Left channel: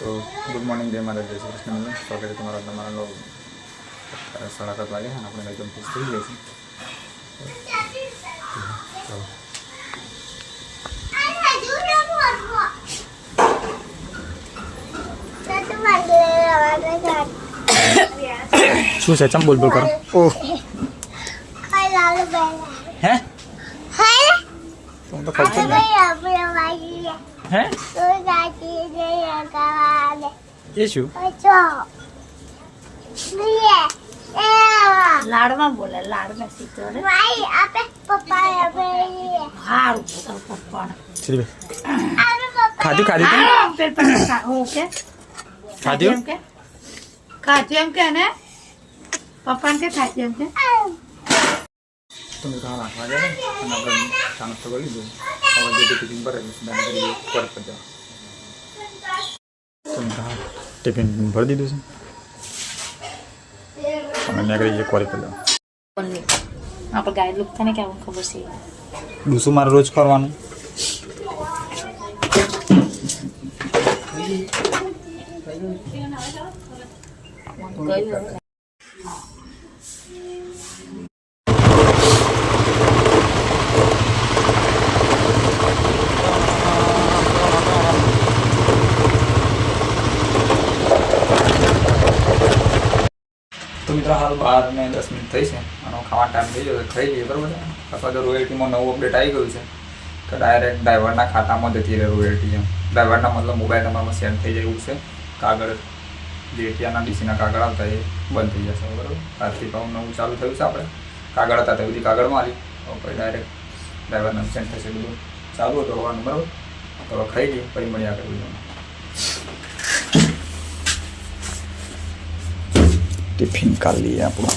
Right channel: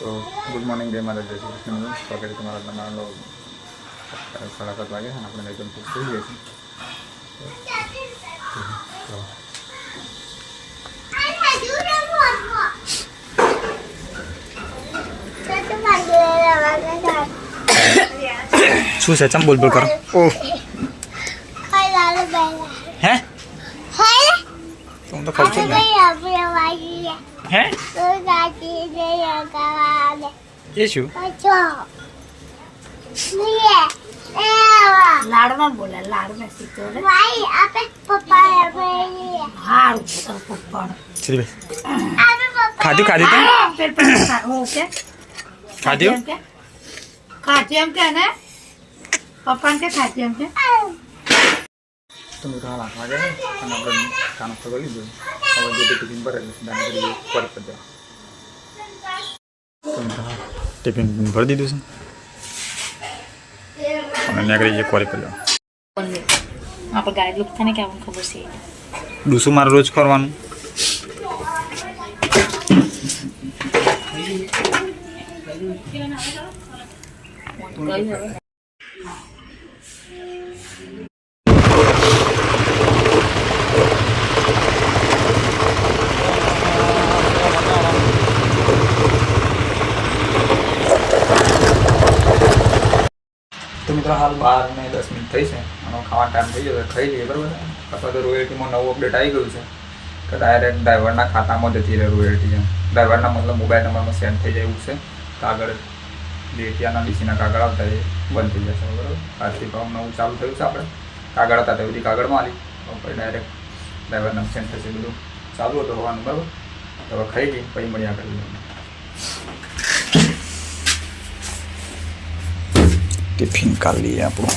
तो good morning जय माता जय श्री कृष्ण मित्रों स्वागत है तुम्हारा તમારા લો 7:30 વાગે અને આપણે એકદમ ફિક્સ થઈ ગયા છે શું છે ચમ બોલ બોલ કરો ઓહ હે तुम तो खाऊ छो હે ये શું લાડમાં બોલે લાડમાં સીધો રે ભાઈ આપે પપ્પા હારું તો પપ્પા ચલી ભાઈ ખાધી ઓકે ખાધી ખાતી એમ કે ને પપ્પાને કે ખાતી એમ કે તમે હાલ 8 વાગ્યા અને આપણે ખાનો તો કરી લીધો હવે જે ટિફિન ભરે દાન કરી કોરી પર જવા તમે હાલ ટિફિન ભરી દીધું છે અને નીકળી જઈએ કોરી પર જવા આપણે ગાઈડ લુક થાય ને કે આપણને ખબર છે ડૂસું મારે રોજ કરવાનું તો મિત્રો હાલ 12 ને 10 મિનિટ થઈ છે અને ખાવાનો ટાઈમ થઈ ગયો ખાઈ લઈએ બરાબર અથવા તો રોયલ્ટીમાં નવું અપડેટ આવી ગયું છે કે ડાયરેક્ટ ડ્રાઈવરના ખાતામાં જતી રહે રોયલ્ટી એમ ડ્રાઈવરના મતલબ મોબાઈલ નંબરમાં સેન્ડ થઈ જાય એવું છે કાગળ જે ત્યાંના ડીસીના કાગળ આવતા એ બંધ થઈ જશે બરાબર આજથી ભાવ નવું ચાલુ થયું છે આપણે કાગળ હતા તે બધી કાગળમાં આવી પછી ડાયરેક્ટ ડ્રાઈવરને સેન્ડ થશે બધું ચાલુ હતું હોવાનું બરાબર તો હવે ખાઈ લઈએ પછી મળ્યા કરી ટિફિન કાઢી લઈએ આપણું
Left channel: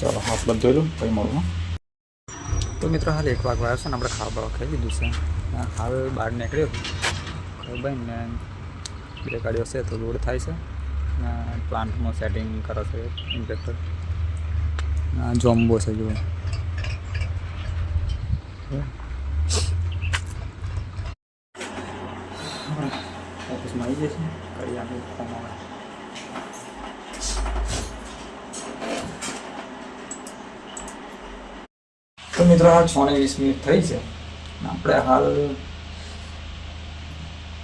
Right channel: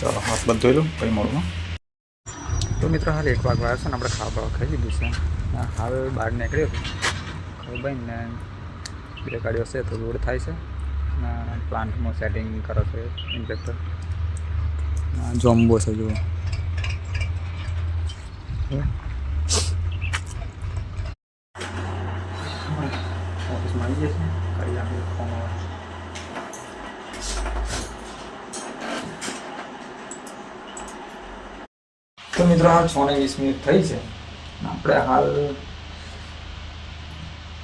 ચાલો હાથ બંધ ધોઈ લઉં પછી મળું તો મિત્રો હાલ 1 વાગવા આવ્યો છે ને આપણે ખાવા ખાઈ લીધું છે હવે બહાર નીકળ્યો ખાઈ ભાઈ ને 2 ગાડીઓ છે તો લોડ થાય છે ને પ્લાન્ટમાં સેટિંગ કરે છે ઇન્સ્પેક્ટર જોમ્બો છે જુઓ ઓફિસમાં આવી જશે કરી આપણે ફોન આવે તો મિત્રો હાલ 6 ને 20 મિનિટ થઈ છે આપણે હાલ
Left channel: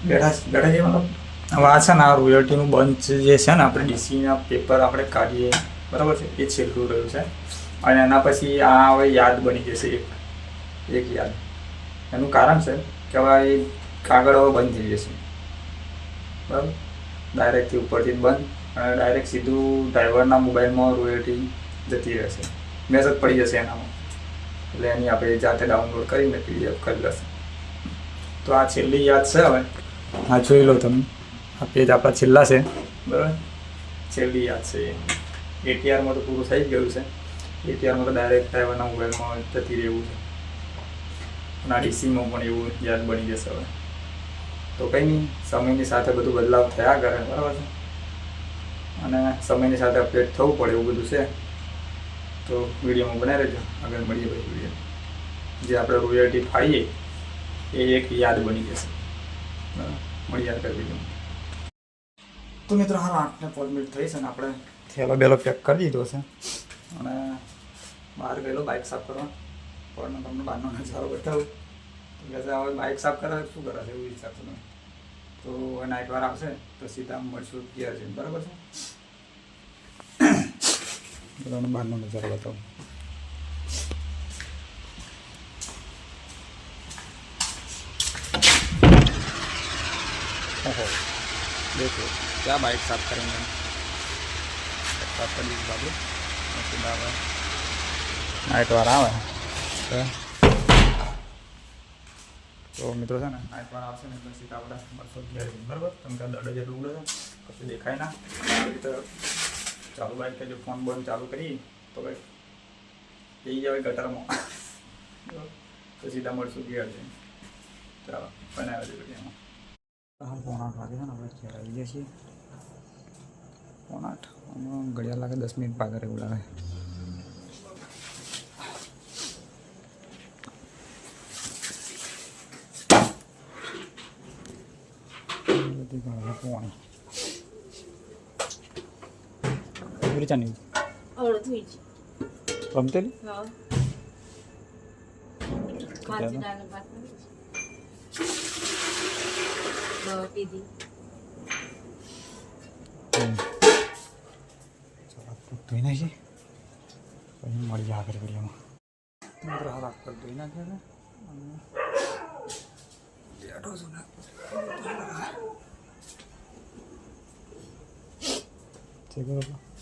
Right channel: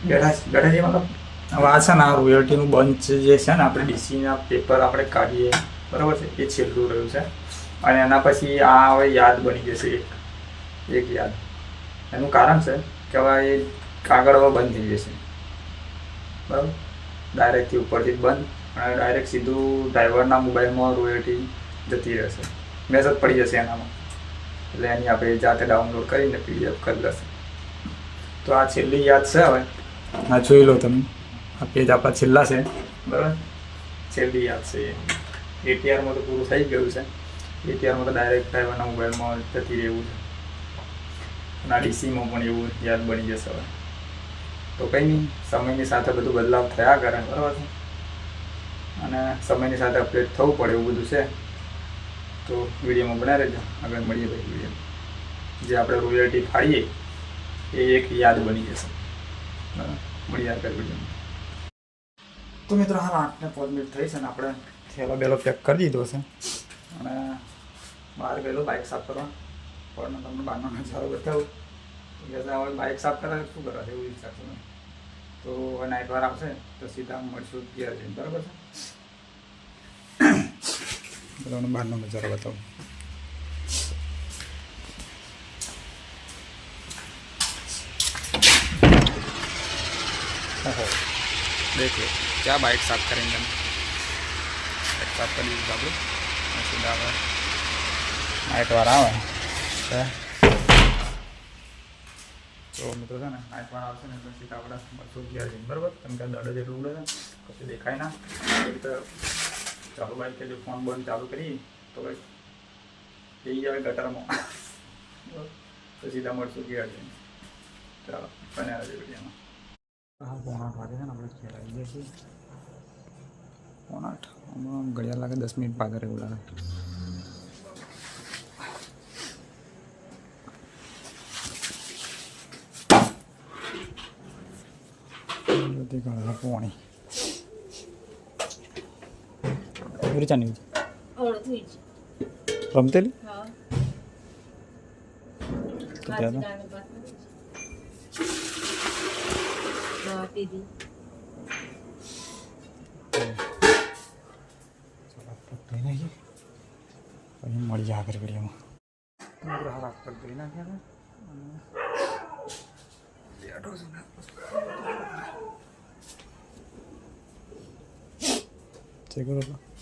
બેઠા છીએ મતલબ હવે આ છે ને આ રોયલ્ટીનું બંચ જે છે ને આપણે ડીસીના પેપર આપણે કાઢીએ બરાબર છે એ છેલ્લું રહ્યું છે અને એના પછી આ હવે યાદ બની જશે એક યાદ એનું કારણ છે કે હવે એ કાગળ હવે બંધ થઈ જશે બરાબર ડાયરેક્ટથી ઉપરથી બંધ અને ડાયરેક્ટ સીધું ડ્રાઈવરના મોબાઈલમાં રોયલ્ટી જતી રહેશે મેસેજ પડી જશે એનામાં એટલે એની આપણે જાતે ડાઉનલોડ કરીને પીડીએફ કરી લેશે તો આ છેલ્લી યાદ છે હવે હા જોઈ લો તમે આ પેજ આપણા છેલ્લા છે બરાબર છેલ્લી યાદ છે એટીઆરમાં તો પૂરું થઈ ગયું છે એટીઆરમાં તો ડાયરેક્ટ ડ્રાઈવરના મોબાઈલમાં જતી રહેવું છે અને આ ડીસીમાં પણ એવું યાદ બની જશે હવે તો કંઈ નહીં સમયની સાથે બધું બદલાવ થયા કરે બરાબર છે અને સમયની સાથે અપડેટ થવું પડે એવું બધું છે તો વિડીયોમાં બનાવી રહેજો આગળ મળીએ ભાઈ વિડીયો જે આપણે રોયલ્ટી ફાડીએ એ એક યાદ બની જશે બરાબર મળીએ આગળ વિડીયોમાં તો મિત્રો હાલ 8 ને 5 મિનિટ થઈ છે ને આપણે થેલો બેલો પેક કરી દીધો છે અને બહાર ગયેલો બાઇક સાફ કરવા પણ તમને બહારનો નજારો બતાવું કે હવે બાઇક સાફ કરે શું કરે છે એવું વિચારશો તમે તો હવે નાઇટ વાર આવશે તો સીધા મળશું તૈયાર છે બરાબર છે બધાને બહારનો નજારો બતાવું ઓહો દેખ લો क्या बाइक साफ करेंगे हम बाइक साफ कर दीजिए આપણું સીધા હવે નાઇટ વાર આવે તો મિત્રો છે ને નાઇટ વાર આવશે ને એટલે સીધા આપણે મળશું ગયા છે બરાબર કેમ કે દડે જેટલું ઉડે છે પછી દેખાય ના તો ચાલુ બાઈક જો ફોન બંધ ચાલુ કરીએ તો ભાઈ એ જ હવે ગટરમાં તો સીધા મળશું ગયા છે ચાલો બનાવ્યા છે વિડીયોમાં હા 8:30 વાગે છે ને આપણે ઘેર આવી જઈએ છીએ 8:30 હમણાં ઘડિયાળ લાગે 10 મિનિટ પાછળ એવું લાગે બધી ઘણા પોણી પૂરી ચાની રમતેલી ધોઈ નાખી પછી મળી જાય આગળ ઘડીમાં હાથ પર ધોઈ નાખ્યા હતા અને બેઠો છું ને છે કે બાપા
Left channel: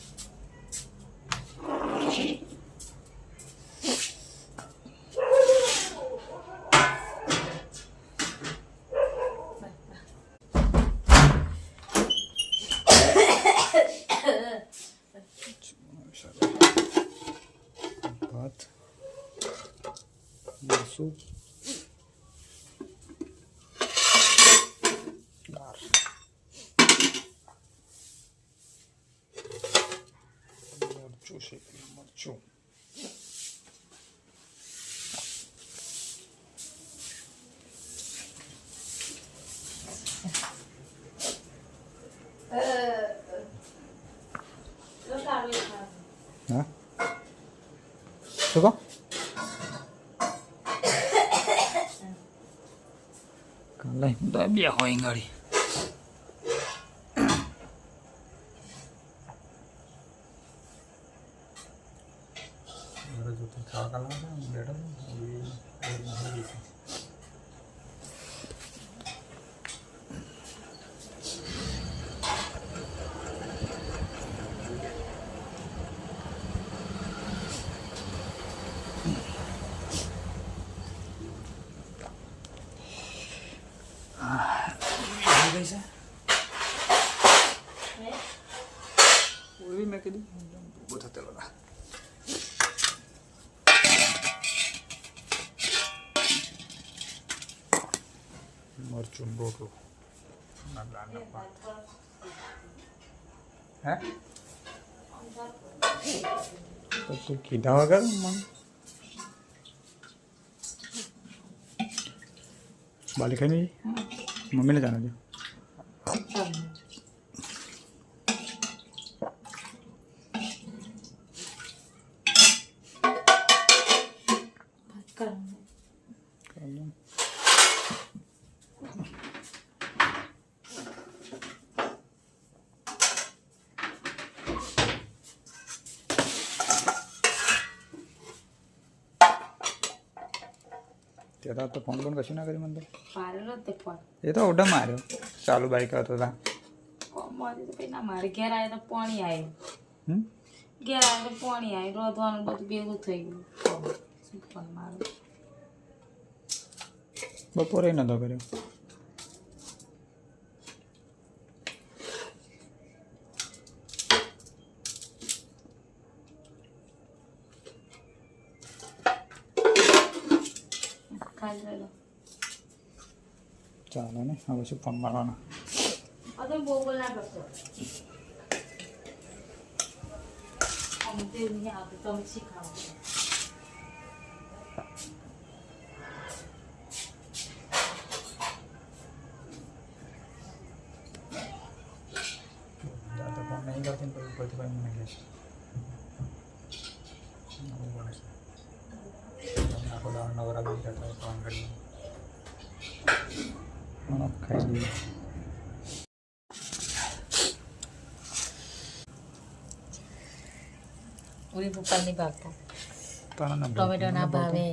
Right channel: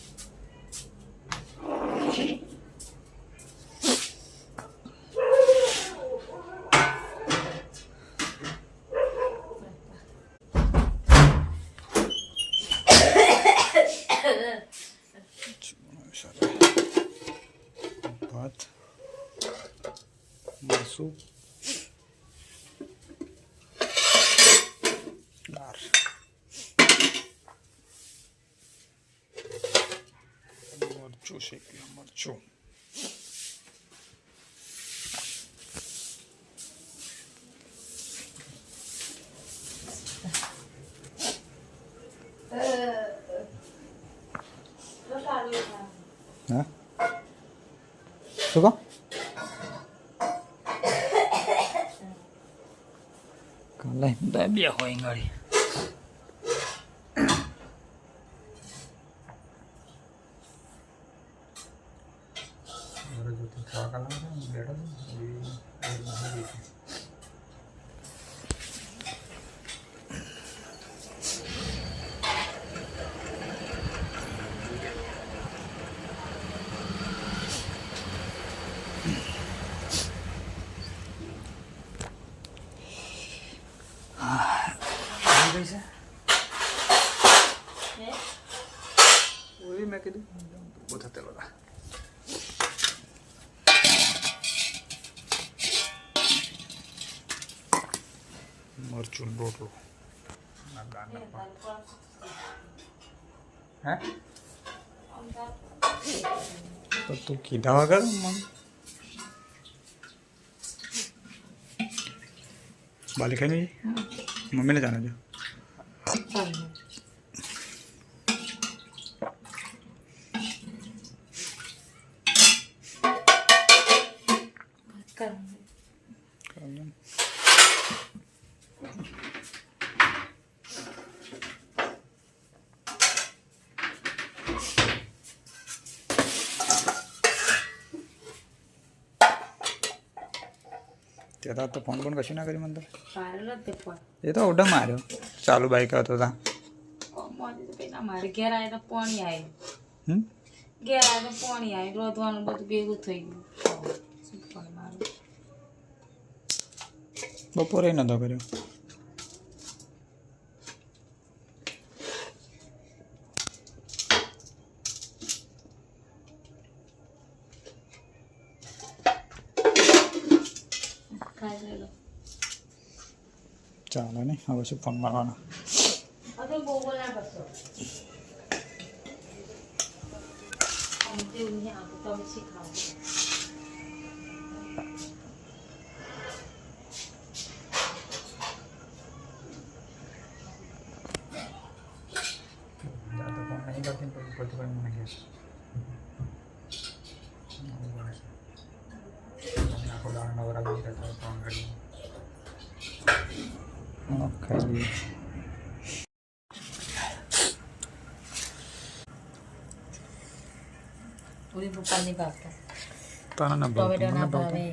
ભાત મરસું દાળ મરચું શેકેલું મરચું હા શું કહો કાલે બે હોય ગાડી ખાવા કાલા બેઠો મેં કીધું ઉભો થતો બધા મરચું રોટલો હે તો તું કીધા વગર મને બાલી ખાઈ નહીં મમ્મીને જાણે જો ત્યાં તો ફોન પણ કશું ના કર્યું મને તો એ તો ઓઢા માર્યો ચાલુ બાઈક હતો તા મારે ઘેર આવે તો પાણી આવે ઘેર આવે તો પાણી આવે રોધવાનું બધું ભેગું થઈ ગયું મારું બપોરે નતો કર્યો ચાલો ને હવે શું ફોન મારવાના ફોન નહીં કરતી ને પછી ઉપરથી મને કહેશે આખો દાળ નવરા બી રહેતા ફોન કરી ખાઈ લઈએ પૂરી પપ્પાની ભાવતા ટોમેટો ના ભાવે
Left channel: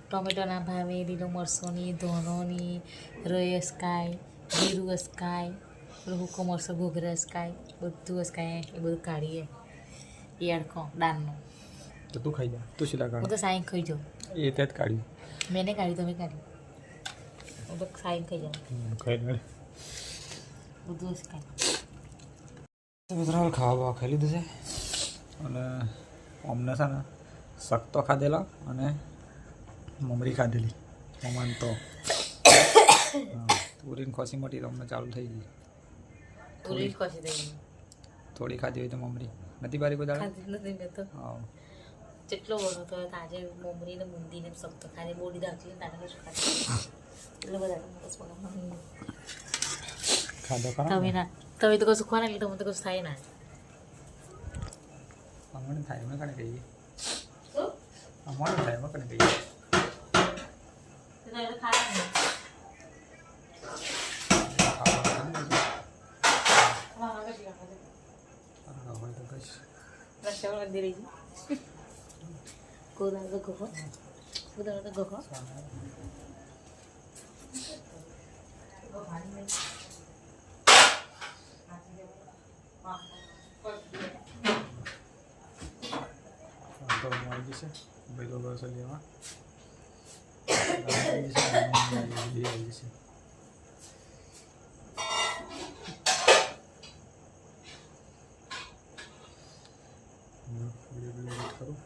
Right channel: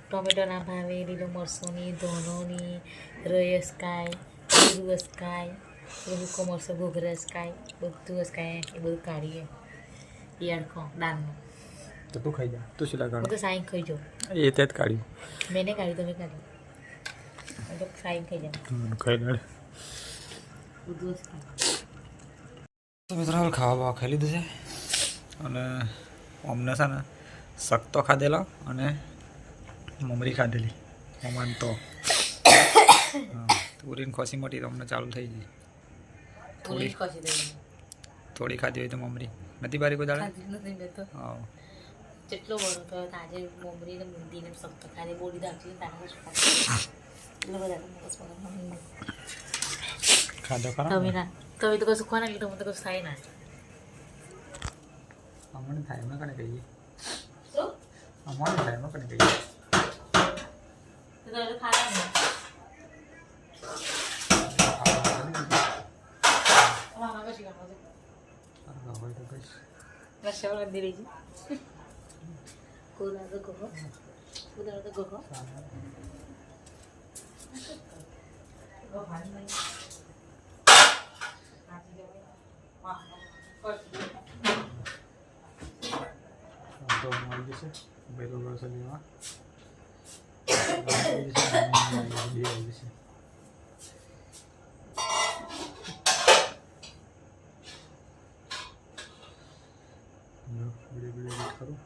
ટોમેટો ના ભાવે લીલો મરસોની ધોનોની રયસ કાય જીરું કાય હુકો મરસો ઘોઘરસ કાય બધું કાય એ બધું કાઢીએ યાડખો દાળનો તો તું ખાઈ જા તું શીલા કાઢ હું તો સાઈન ખાઈ જાઉં એ ત્યાં જ કાઢ્યું મેને કાઢી તમે કાઢી હું તો સાઈન ખાઈ જાઉં ખાઈ કાઢ બધું ખાય તો મિત્રો હાલ ખાવા ખાઈ લીધું છે અને અમને છે ને શક તો ખાધેલો અને મમરી ખાધેલી મમાન તો પૂરીને ખોસી મોટી તો અમને ચાલુ થઈ ગઈ થોડી ખાધી હોય તો મમરી નથી બારી કોઈ દાડે હા જેટલો બનો તો આજે મમરી ને મુંદી ને શક્ત ખાલી બોલી દાખી તારા એટલે બધા ખાધો ખરા તમે ના તમે તો કશું ખોરા એટલે તમને તો કશું થાય ના અમને થાય અમે કને કહીએ શું અમને થાય અમે કને કહીએ તમે તો ખારા નહીં ખાવા ખાલી દીધું. મામા કશી કરતો સારું હોય તો કહીશ રક્ષાબંધન મંદિર છે કુદા તો ગોખો કુદા તો ગોખો તો મળી જશે ભાઈ તો ગ્રોસરીમાં આવી જશે વિડીયો એડિટ કરું